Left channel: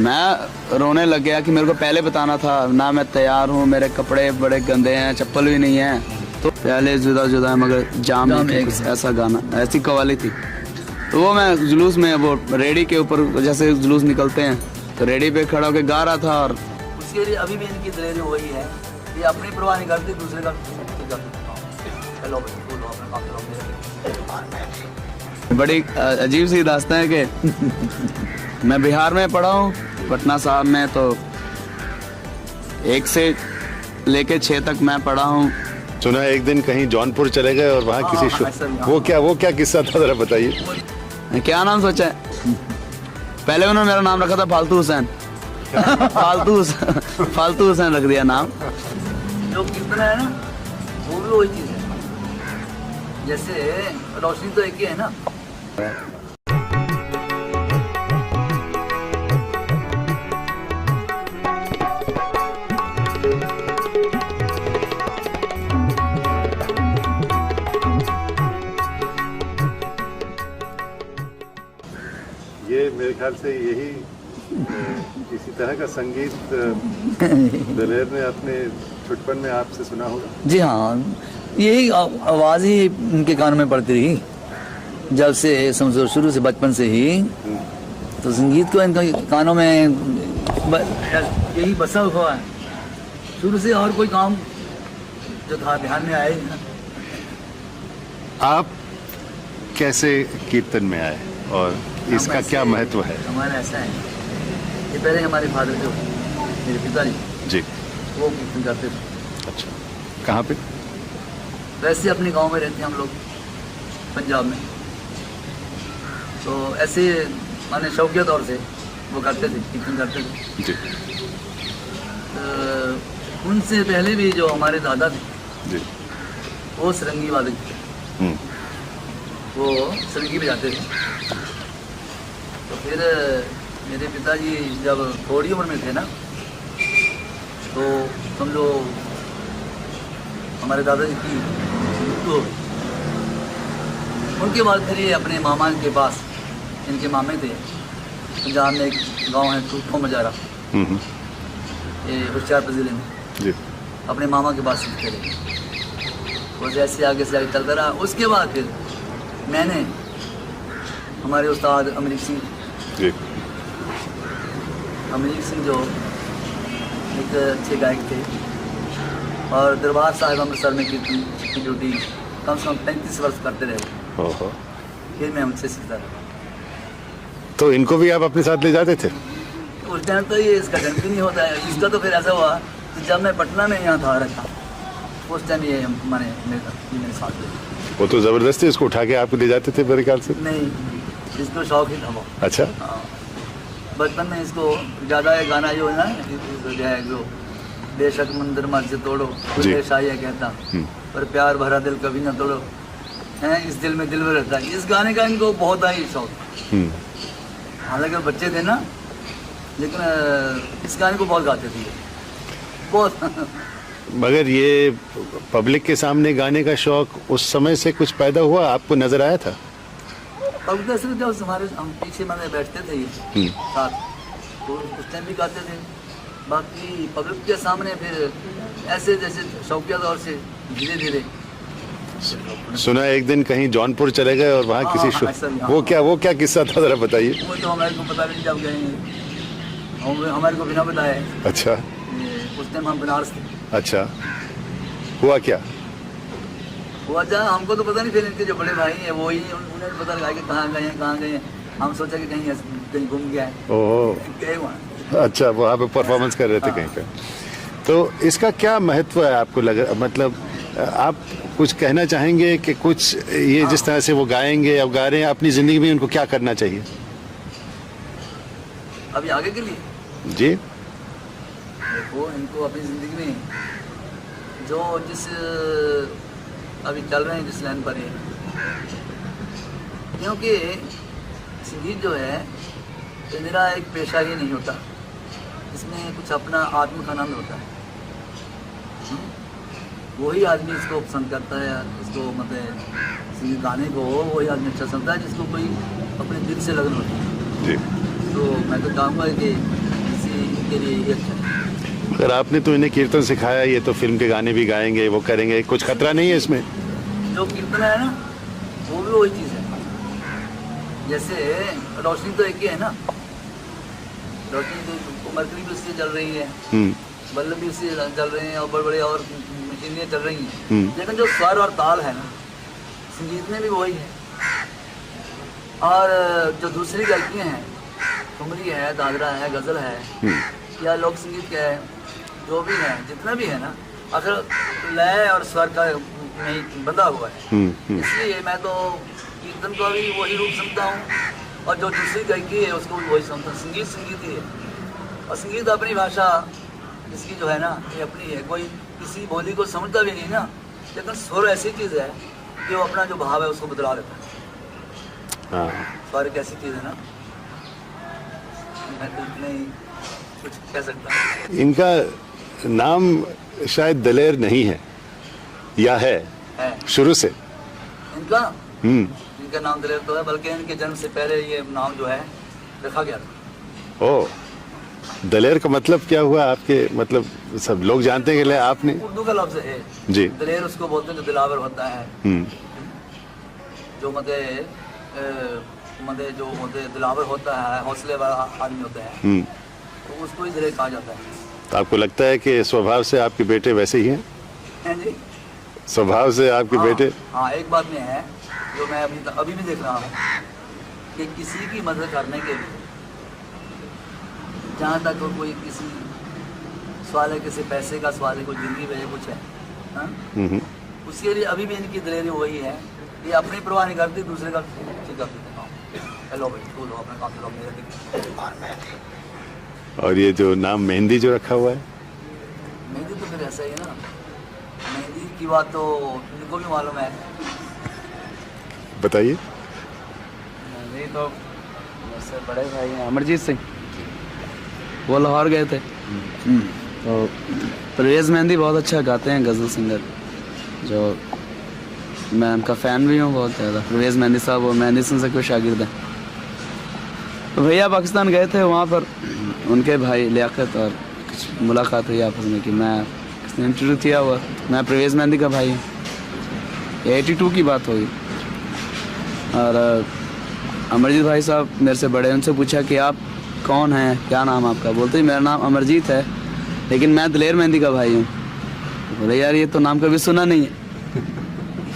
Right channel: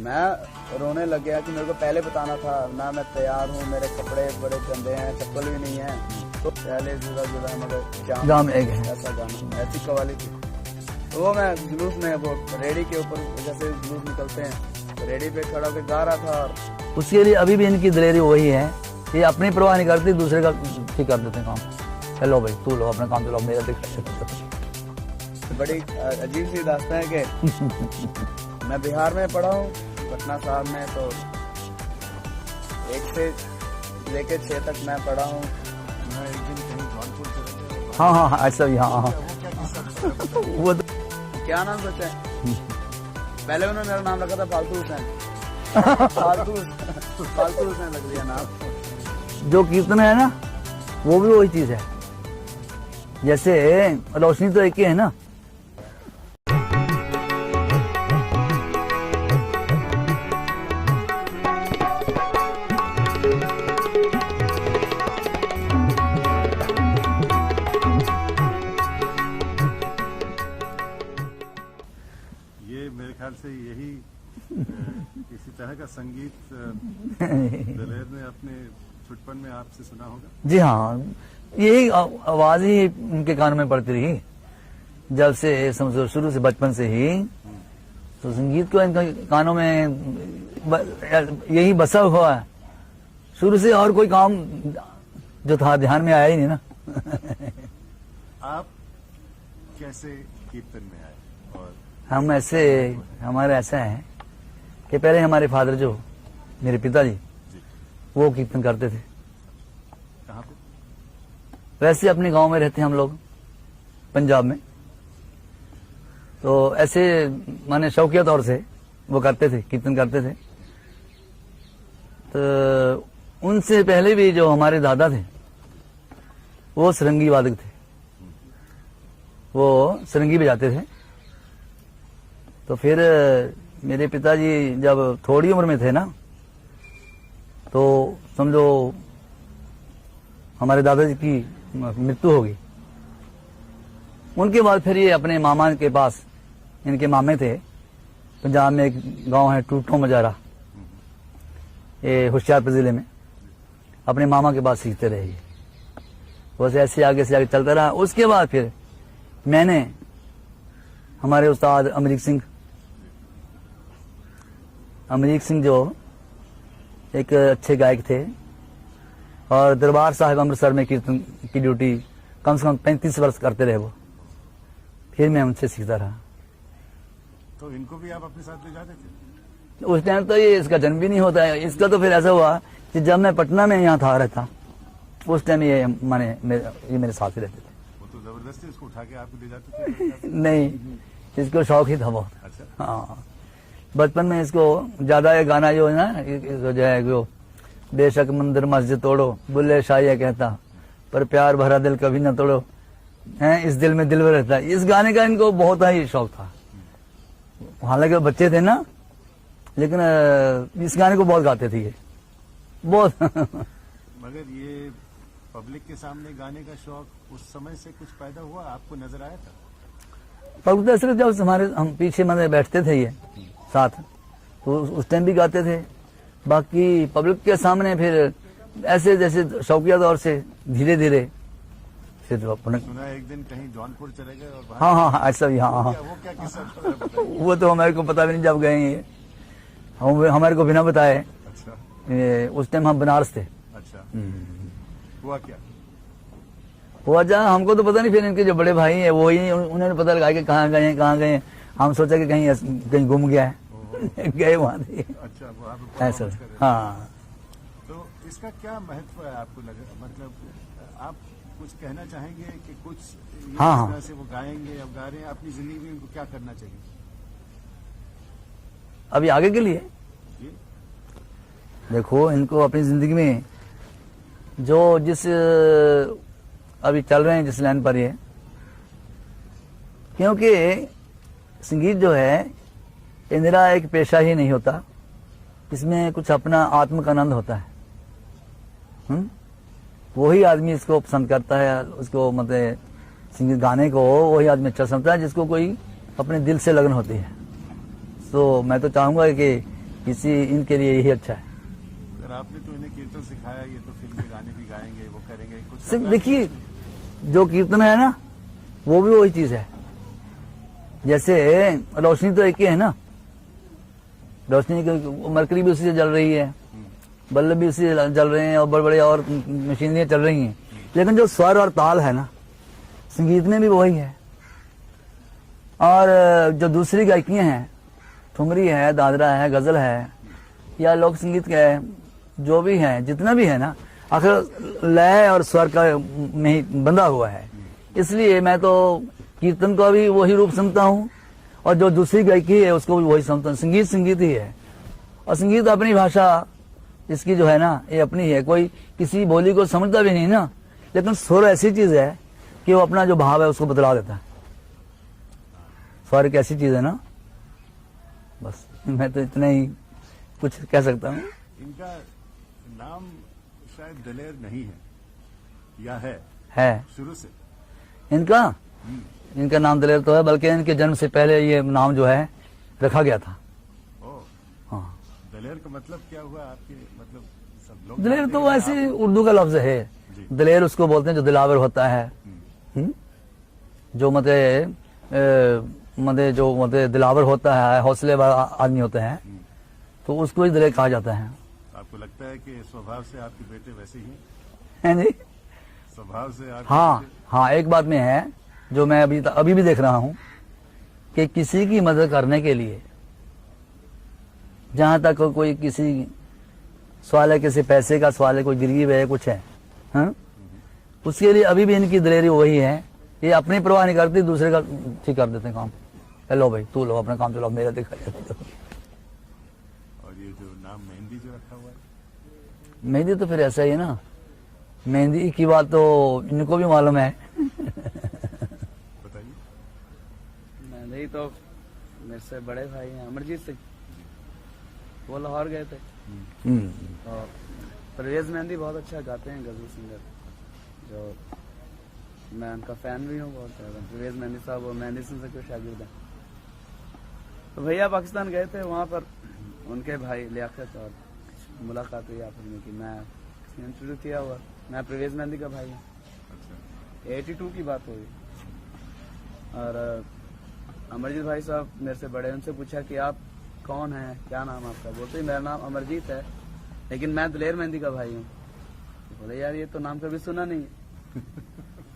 मैं रोने लग गया कि मेरे को पहले बताना था ना, मैं तैयार हूँ, मेरे कपड़े बड़े गंदे हैं, चप्पल भी नहीं है, तो पहले जुदा जुदा है मगर जाम में ऐसा गाना, ऐसी कवाली थी। तो वो मैं जुलूस में वो रेडी के ऊपर जैसे जुलूस निकलते हैं तो रेडी पे खड़ा होकर गा रहा था। और उसके लिए अभी भी इनकी दिलेरी वही है, ये अपनी परवाह नहीं करते, दूसरे का ठीक कर देते काम। चलो भाई तू लो अपना काम चलाओ, मेरा भी। बड़ी अजीब सी दास्तां है कि मैं बिहार में पढ़ा हूँ, पटना साहब में, तो 1 से लेके 6 तक मैं पढ़ा हूँ। सुना एक दिन कहीं जौनपुर चले गए और वहाँ किसी वो क्या किस्सा था, जरा बताइए। क्या नाम सोचा है? पहले उन्होंने मेरा नाम रखा था फालतू हुसैन। फालतू हुसैन रख दिया नाम। जो कीर्तन है ना वो भी वही चीज है, जैसे रोशनी तो एक ही है ना। ये मेरे ख्याल से यही इसी तरह का संगीत दिलेर ने अपने छुटपन में आपसे सुना होगा। जी हाँ, यही आवाज ही उनके कान में पड़ती रही जब से, समझो शुरू से, बचपन से ही। तो संगीत को इनका कानों में यही बसा हुआ है शुरू से, और कोई काम जो था ध्यान में आया ही नहीं ना। आप कैसे कीर्तन में आए और इसका क्या महत्व है? हमारे ऐसा है, ये पहले हमारे फादर जो मेरे पिताजी जी वो कीर्तन करते थे। अच्छा, कहाँ पे? वैसे अपने गांव में रहते हैं हम लोग, पंजाब में। तो ऐसे माने शौकिया तौर से वो करते थे, कीर्तन करते थे जी। तो उनसे पहले भी जो हमारे दादा थे जी, वो सरंगी वादक थे, वो सरंगी बजाते थे। तो फिर मेरे पिताजी जब थोड़ी उम्र में थे ना, तो समझो हमारे दादाजी की मृत्यु हो गई। उनके बाद फिर ये अपने मामा के पास, इनके मामे थे पंजाब में, एक गांव है टूटो मजारा, ये होशियारपुर ज़िले में, जी। अपने मामा के पास सीखते रहे। वो ऐसे आगे से आगे चलता रहा। उसके बाद फिर मैंने हमारे उस्ताद अमरीक सिंह जी। अमरीक सिंह जो एक अच्छे गायक थे, और दरबार साहिब अमृतसर में कीर्तन की ड्यूटी कम से कम 35 वर्ष करते रहे वो। ओहो। फिर मैं उनसे सीखता रहा। तो इनको भी आप अपने साथ ले जाते थे? उस टाइम तो ये इसका जन्म भी नहीं होता है। इसका तो फिर ऐसा हुआ कि जब मैं पटना में यहाँ था रखा, उस टाइम ये मेरे साथ ले। वो तो जबरदस्ती इसको उठा के आपको ले जाते थे मेरे ख्याल से? नहीं, इसको शौक ही था वो। अच्छा। हाँ, बचपन में इसको ज़्यादा ये गाना जो है ना, जो है जो बेशक मंदिर मस्जिद तोड़ो, बुल्ले शाह कहता, पर प्यार भरा दिल कभी ना तोड़ो, हैं इस दिल में दिल में रहता है। इस गाने का इनको बहुत ही शौक था। हालांकि बच्चे थे ना, लेकिन इस गाने को बहुत गाते थे बहुत। मगर ये पब्लिक के सामने गाने का शौक उस समय से कुछ पैदा हुआ, आपको नजर आया था? पब्लिक सिर्फ जब हम पीछे में बैठते थे ये साथ, तो उस टाइम भी गाते थे। बाकी पब्लिक के सामने फिर ऐसे जैसे शौकिया तौर से धीरे धीरे। सुना एक दिन कहीं जौनपुर चले गए और वहाँ किसी वो क्या किस्सा था, जरा बताइए। वो तो हमारे को पता भी नहीं जब गए, हमारे को बिना बताए। अच्छा। उस टाइम हम बनारस थे। अच्छा, हुआ क्या? हुआ जा हमको तो पता नहीं, फिर इनके जो बड़े भाई हैं वो ही, उन्होंने पता लगाया कि कहाँ गए। हम सोचा कि कहीं घूम गया है। ओह। गए वहाँ। अच्छा, वहाँ पे परफॉर्मेंस कर रहे थे कहीं पे। तो इसका क्या महत्व है आपको लगा, मतलब आप कुछ कहना चाहेंगे कि कुछ ये जिस तरह से वो गाएंगे या गा रहे हैं, अपनी जिंदगी में उनको क्या करना चाहिए अभी आगे के लिए? जी देखो, इनको अपनी ज़िंदगी में जो जिस अभी चल रहे हैं जिस लाइन पर ये, क्योंकि संगीत जो है ये मेरा एक पेशा ही नहीं होता, इसमें कुछ अपना आत्म का आनंद होता है। वही आदमी इसको पसंद करता है, उसको मतलब संगीत गाने को वही आदमी अच्छा समझता है जिसको कोई अपने दिल से लगन होती है। जी। तो मैं तो चाहूँगा कि इनके लिए यही अच्छा है। अगर आपने तो इन्हें कीर्तन सिखाया, ये तो फिल्म के गाने भी गाएंगे, वो करेंगे, कुछ खतरा नहीं है इसमें? जो कीर्तन है ना वो भी वही चीज़ है। जैसे रोशनी तो एक ही है ना, रोशनी तो मरकरी भी उसी से जल रही है, बल्ब भी उसी से जल रहे हैं, और बड़े बड़े और मशीनरियाँ चल रही हैं, लेकिन जो स्वर और ताल है ना संगीत में भी वही है। और जो दूसरी गायकियाँ हैं, ठुमरी है, दादरा है, गज़ल है, या लोक संगीत का है, जो भी है, जितना भी है ना, आखिर लय और स्वर का नहीं बंधा हुआ है। इसलिए मैं तो कीर्तन को भी वही रूप सुनता हूँ, और जो दूसरी गायकी है उसको भी वही सुनता हूँ। संगीत संगीत ही है, और संगीत अपनी भाषा इसकी जो है ना ये अपनी है। कोई किसी बोली को समझता भी नहीं ना, लेकिन स्वर ऐसी चीज़ है कि वो अपना जो भाव है उसको बदला देता है। स्वर एक ऐसी चीज़ है ना, बस मैं तो इतना ही कुछ कह सकता हूँ। इनका नाम शायद दलेर नहीं है, या है शुरू से इनका इनका नाम दलेर तो है, बल्कि इनके जन्म से पहले ये नाम जो है रखा गया था। ओ, दलेर का मतलब क्या हुआ आपके? मतलब सब लोग जानते हैं कि आपने उर्दू का लफ्ज है जी, दलेर उसको बोलते हैं जो दिलावर होता है, जो जो दिलावर होता है, हौसले वाला आदमी होता है, तो उसको ही दलेर कहा जाता है। तो आपको लगता है कि स्वभाव से आपके बेटे वैसे ही हैं? जी, स्वभाव से आपके बेटे? हाँ, एक बात में है जो मैं अभी भी देख रहा हूँ कि किसी की मदद करने के लिए, जहाँ तक कोई किसी सवाल है, किसी पैसे का सवाल है, कोई गिरवी है, कुछ है, उसके लिए अभी भी इनकी दलेरी वही है। ये अपनी परवाह नहीं करते, दूसरे का ठीक कर देते हैं काम। हेलो भाई, छू लो, अपना काम चलाओ, मेरा दिक्कत। और ये जो नाम मेहंदी जो रखा हुआ है? मेहंदी तो फिर ऐसा ही है ना, मेहंदी की बात तो इनको भी मालूम है। बताइए। नहीं तो मेरे बड़े भाई हैं अमरजीत सिंह, वो लाहौर गए थे, तो परवेज़ मेहंदी बहुत अच्छा गाते हैं, गज़ल सिंगर, जो मैं उनका फ़ैन भी हूँ बहुत ज़्यादा। परवेज़ मेहंदी साहब वो मेहंदी सिंह से कोई शागिर्द हैं। तो भैया पाकिस्तान गए थे, वहाँ पर उनके भाई लियाकत और कुछ मुलाकात हुई आपस में कि मैं किसने इंटरव्यू किया हुआ, मैं परवेज़ मेहंदी का भाई हूँ। 82 की बात होगी, और अमरजीत भाई साहब मेरे से बड़े, उनसे पूछा कि आप कौन हैं, क्या नाम आपका? बोलते ही मेरा नाम अमरजीत है, लेकिन मैं दलेर मेहंदी का भाई हूँ। बोले यार ये तो नाम कभी सुना नहीं है,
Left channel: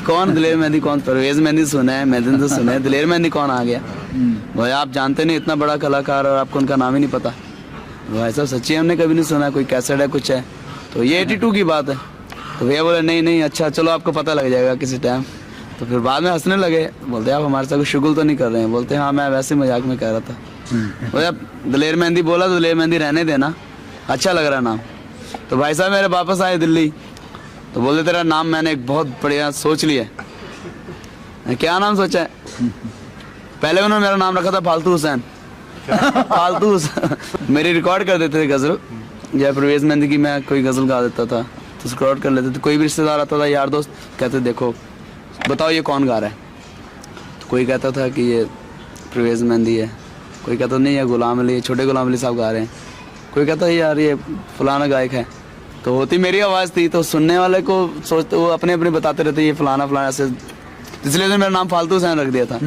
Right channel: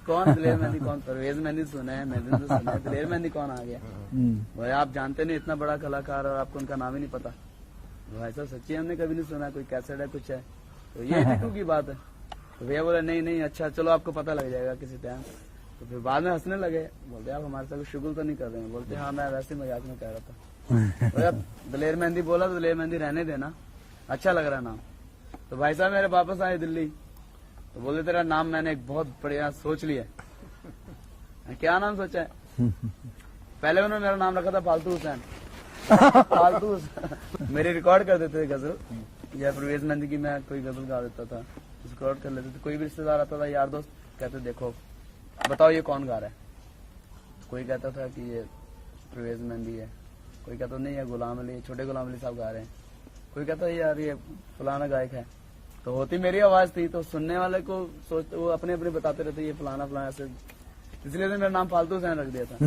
कौन दलेर मेहंदी, कौन? परवेज़ मेहंदी सुना है, मेहंदी तो सुना है, दलेर मेहंदी कौन आ गया? भाई आप जानते नहीं, इतना बड़ा कलाकार और आपको उनका नाम ही नहीं पता। भाई साहब सच्ची हमने कभी नहीं सुना, कोई कैसेट है कुछ है? तो ये 82 की बात है। तो भैया बोले नहीं अच्छा चलो आपको पता लग जाएगा किसी टाइम। तो फिर बाद में हंसने लगे, बोलते आप हमारे साथ कोई शुगल तो नहीं कर रहे हैं? बोलते हाँ मैं वैसे मजाक में कह रहा था। बोले दलेर मेहंदी बोला तो दलेर मेहंदी रहने देना, अच्छा लग रहा नाम। तो भाई साहब मेरे वापस आए दिल्ली, तो बोलते तेरा नाम मैंने एक बहुत बढ़िया सोच लिया। क्या नाम सोचा है? पहले उन्होंने मेरा नाम रखा था फालतू हुसैन। फालतू हुसैन मेरी रिकॉर्ड कर देते थे गजल, जब परवेज़ मेहंदी की मैं कोई गजल गा देता था तो रिकॉर्ड कर लेते थे। कोई भी रिश्तेदार आता था, यार दोस्त, कहते देखो बताओ ये कौन गा रहा है? तो कोई कहता था कि ये परवेज़ मेहंदी है, कोई कहता नहीं ये गुलाम अली, छोटे गुलाम अली साहब गा रहे हैं, कोई कहता है यार ये फलाना गायक है। तो होती मेरी आवाज़ थी, तो सुनने वाले को सोचते, वो अपने अपने बताते रहते ये फलाना फलाना ऐसे, इसलिए तो मेरा नाम फालतू हुसैन रख दिया था।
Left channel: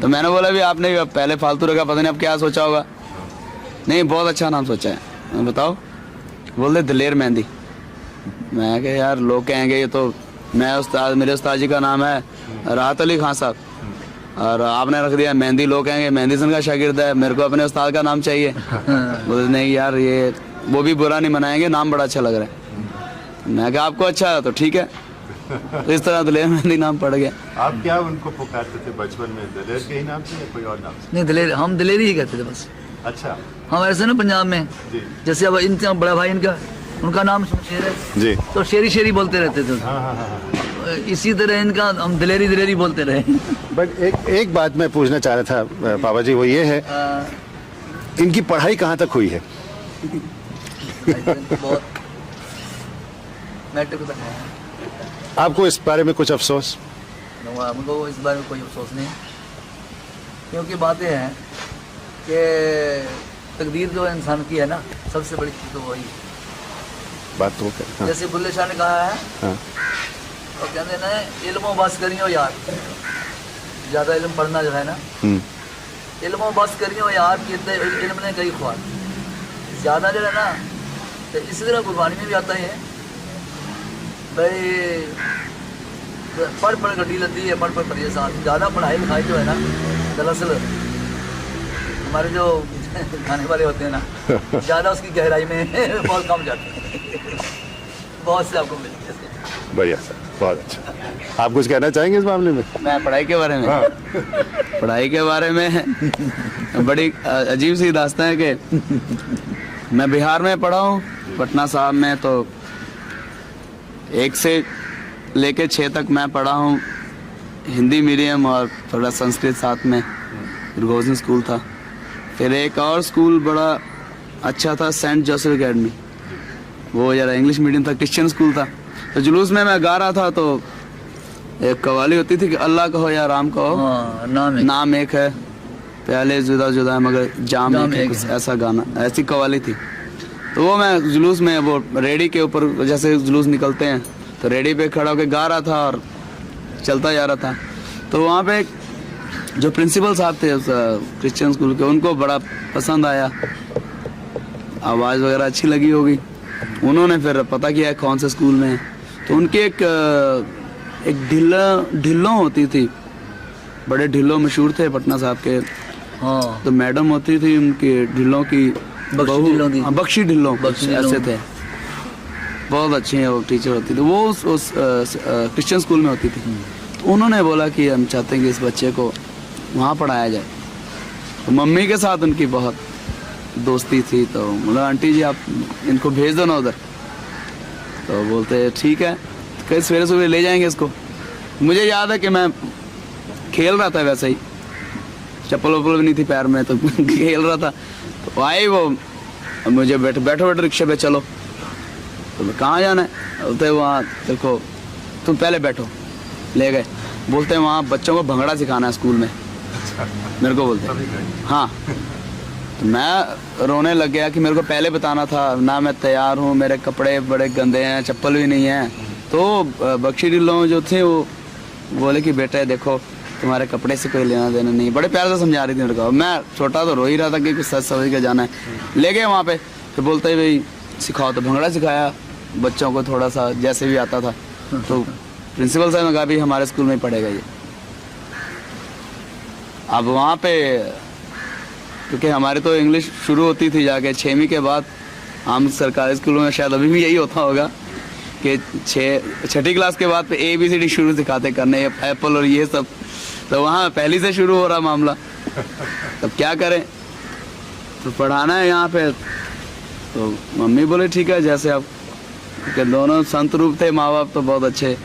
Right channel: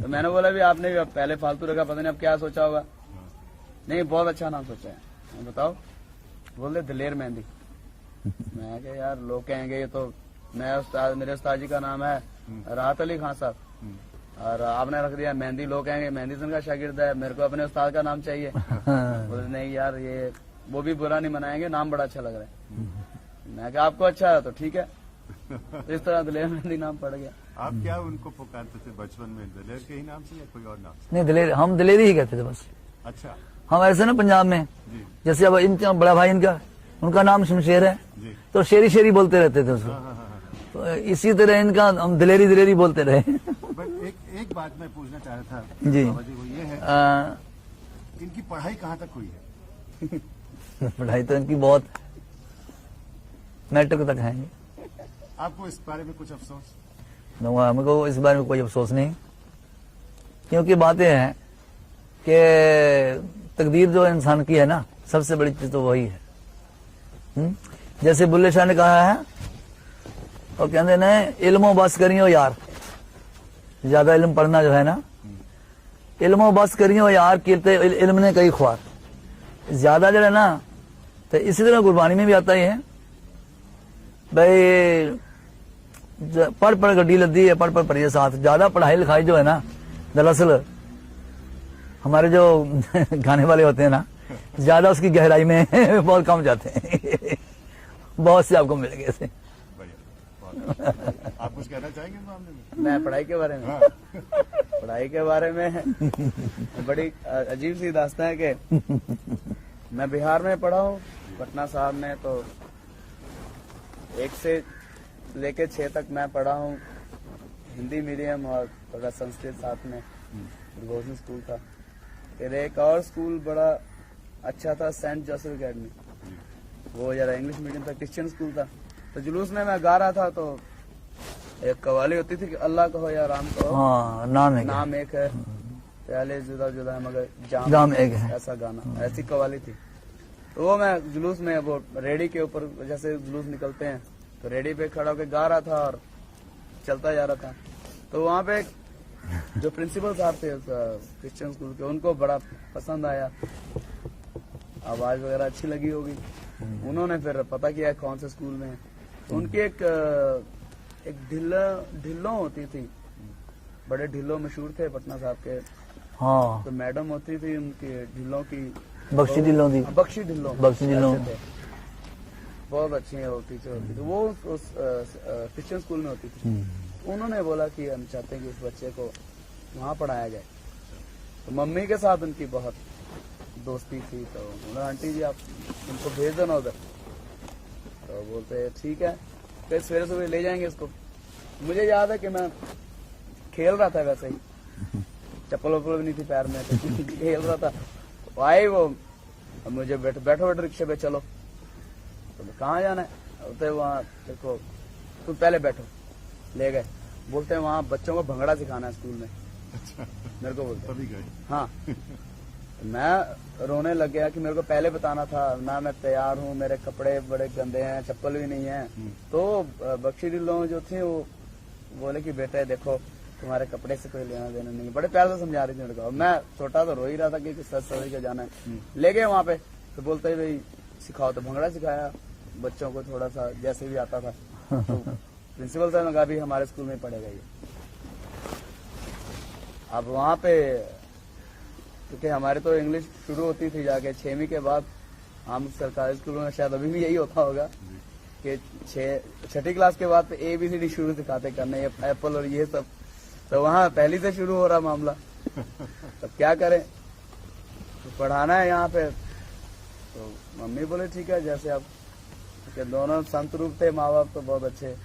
तो मैंने बोला भी आपने पहले फालतू रखा, पता नहीं अब क्या सोचा होगा। नहीं बहुत अच्छा नाम सोचा है। बताओ? बोल दलेर मेहंदी। मैं कहा यार लोग कहेंगे ये तो, मैं उस्ताद, मेरे उस्ताद जी का नाम है राहत अली खान साहब, और आपने रख दिया मेहंदी, लोग कहेंगे मेहंदी सिंह का शागिर्द है, मेरे को अपने उस्ताद का नाम चाहिए। बोले नहीं यार ये वो भी बुरा नहीं मनाएंगे, नाम बड़ा अच्छा लग रहा है। मैं कहा आपको अच्छा है तो ठीक है। तो इस तरह दलेर मेहंदी नाम पड़ गया। आप क्या उनको पुकारते थे बचपन में, दलेर के ही नाम से या कोई और नाम से? नहीं दलेर, हम दलेर ही कहते थे बस। अच्छा। हमारे से ना पंजाब में जी। जैसे अब इनका बड़ा भाई उनका नाम शमशेर है जी, तो शेरी शेरी बोलते रहते थे। इसी तरह इनका हम दलेरी दलेरी बोलते रहे। बट एक बात मैं पूछना चाह रहा था बाबा जी, वो ये है इनकी पढ़ाई कहाँ तक हुई है? पढ़ाई तो इनकी बहुत मैट्रिक तक है। आपको इस बारे में कुछ अफसोस? हमको इस बारे में कोई अफसोस नहीं, क्योंकि बात यह है कि तकदीर जो इंसान की है ना सबसे बड़ी चीज तो वही है। बात तो है। हाँ, जैसे बुल्ले शाह ने कहा है, हाँ, और कहते ने इल्मो बस करियो यार, ज्यादा इल्म पढ़ना जो है ना, इल्मो बस करियो यार, कहते इल्म ने कई ख्वार, ज्यादा जो है ना, तो इसी तरह गुरबानी में भी आता ही है भाई, पढ़ पढ़ गड्डी लद्दी है, पढ़ पढ़ पढ़िए साथ। ज्यादा पढ़ाई लिखाई जो है ना, दरअसल हमारे जो गाने वाले होते हैं ना, ज्यादा उसकी गहराई में बहुत कम जाते हैं। बहुत से आपको मिलेंगे ऐसे। बढ़िया सर, बहुत अच्छा। आप कुछ कहना चाहेंगे इस मामले में? मैं पढ़ाई के बारे में, पढ़ाई के बारे में बड़ी अजीब सी दास्तान है कि मैं बिहार में पढ़ा हूँ, पटना साहब में, तो 1 से लेके 6 तक मैं पढ़ा हूँ हिंदी मीडियम और थोड़ा संस्कृत साथ में, गुरगोजन स्कूल था। फिर एक और स्कूल बड़ा अच्छा था, सेंट जोसेफ एकेडमी, वो जरा इंग्लिश मीडियम था, क्रिश्चियन स्कूल था। तो जुलूस में मैं गा रहा था, तो एक कवाली होती थी कि अल्लाह कहो या राम कहो, हाँ, नाम एक है, प्याले जुदा जुदा है मगर जाम एक है, कुछ ऐसा गाना, ऐसी कवाली थी। तो वो मैं जुलूस में, वो रेडी के ऊपर जैसे जुलूस निकलते हैं, तो रेडी पे खड़ा होकर गा रहा था और चलता जा रहा था। तो वहाँ पे जो प्रिंसिपल साहब थे उस क्रिश्चियन स्कूल के, उनको बड़ा पसंद आया, आवाज़ वगैरह अच्छी लगी होगी। उन्होंने फिर पता किया कौन से स्कूल में है, तो उनके एक ढिल्लो होती थी, बड़े ढिल्लो मशहूर थे पटना साहब के। हाँ, तो मैडम होती थी उनकी ढिल्लों की, बख्शी ढिल्लों ऐसे थे, बहुत अच्छी है वो टीचर होती थी, वो उस क्रिश्चियन स्कूल में होती थी। तो उन्होंने बोला कि हम चाहते हैं कि इस बच्चे को वहाँ पढ़ाया जाए। तो मम्मी के साथ उनकी बहुत दोस्ती थी, तो बोला आंटी जी आप इनको भेज दो ना उधर। तो बोलते ठीक है, कल सवेरे सवेरे ले जाएंगे इसको। मुझे याद है कि मैं खेल रहा था, वैसे ही चप्पल वप्पल भी नहीं थी पैर में, तो खेल रहा था। तो आए वो, मुझे बैठो रिक्शे पे चलो। तो मैं कहाँ जाना है? बोलते वहाँ देखो, तुम पहले बैठो। ले गए, बोलते वहाँ बच्चों को भंगड़ा सिखाना है स्कूल में, मेरे को बोलते। हाँ, तो मैं रोने लग गया कि मेरे को पहले बताना था ना, मैं तैयार हूँ, मेरे कपड़े बड़े गंदे हैं, चप्पल भी नहीं है। तो बख्शी ढिल्लों जो थे वो बोले कि बेटे देखो तुम्हारे कपड़े से कोई लेना देना नहीं, बड़े प्यार से समझा रही थी मेरे को। मैं छोटा तो रो ही रहा था कि कुछ सच समझ के जाना है। ले गए वहाँ पे, फिर बोलते ही भाई सिखाओ, तो भंगड़ा सिखाया बच्चों को, थोड़ा सा जैसे भी आता था। तो प्रिंसिपल साहब ने कहा भी हमारे स्कूल में ही पढ़ेगा ये। अब वहाँ पे क्योंकि हमारे तो इंग्लिश शुरू होती थी जाके 6वीं के बाद, हम सरकारी स्कूलों में शायद अभी भी यही होता होगा कि 6ठी क्लास के बाद पे ABCD शुरू सिखाते करने, एप्पल और ये सब। तो वहाँ पहली से शुरू हो रहा मामला। तब क्या करें, तो पढ़ाना है यहाँ पे। तो मम्मी बोले ठीक है, जैसे आप के दोनों संत रूप थे, माँ बाप तो बहुत अच्छे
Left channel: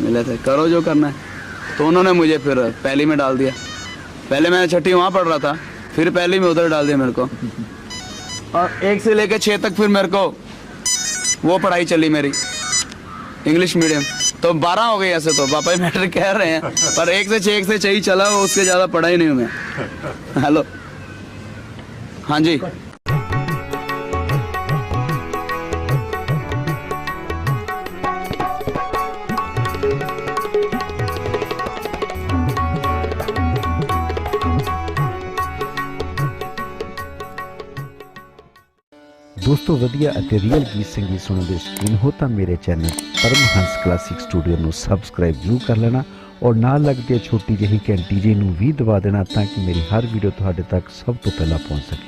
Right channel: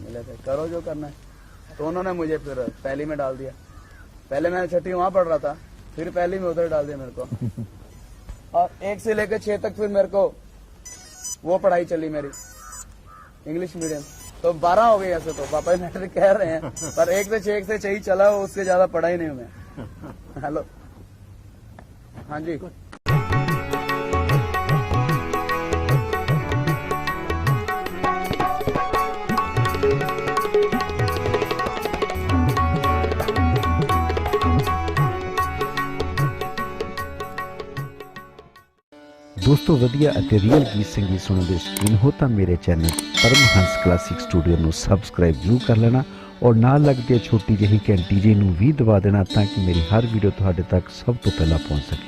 मिले थे, करो जो करना है। तो उन्होंने मुझे फिर पहली में डाल दिया। पहले मैं 6ठी वहाँ पढ़ रहा था, फिर पहली में उधर डाल दिया मेरे को। और 1 से लेकर 6 तक फिर मेरे को वो पढ़ाई चली मेरी, इंग्लिश मीडियम। तो 12 हो गई ऐसे, तो पापा ही मैटर कह रहे हैं, पर 1 से 6 ही चला, उससे ज़्यादा पढ़ा ही नहीं हूँ मैं। हेलो, हाँ जी। ਦੋਸਤੋ ਵਧੀਆ ਅਤੇ ਰੀਅਲ ਗੀਤ ਸੰਗੀਤ ਸੁਣਨ ਦੇ ਸ਼ੌਕੀਨ ਹੋ ਤਾਂ ਮੇਰੇ ਚੈਨਲ ਪਰਮਹੰਸ ਕਲਾਸਿਕ ਸਟੂਡੀਓ ਨੂੰ ਸਬਸਕ੍ਰਾਈਬ ਜ਼ਰੂਰ ਕਰ ਲੈਣਾ ਔਰ ਨਾਲ ਲੱਗਦੀ ਛੋਟੀ ਜਿਹੀ ਘੰਟੀ ਜੀ ਨੂੰ ਵੀ ਦਬਾ ਦੇਣਾ ਤਾਂ ਕਿ ਮੇਰੀ ਹਰ ਵੀਡੀਓ ਤੁਹਾਡੇ ਤੱਕ ਸਭ ਤੋਂ ਪਹਿਲਾਂ ਪਹੁੰਚ ਸਕੇ।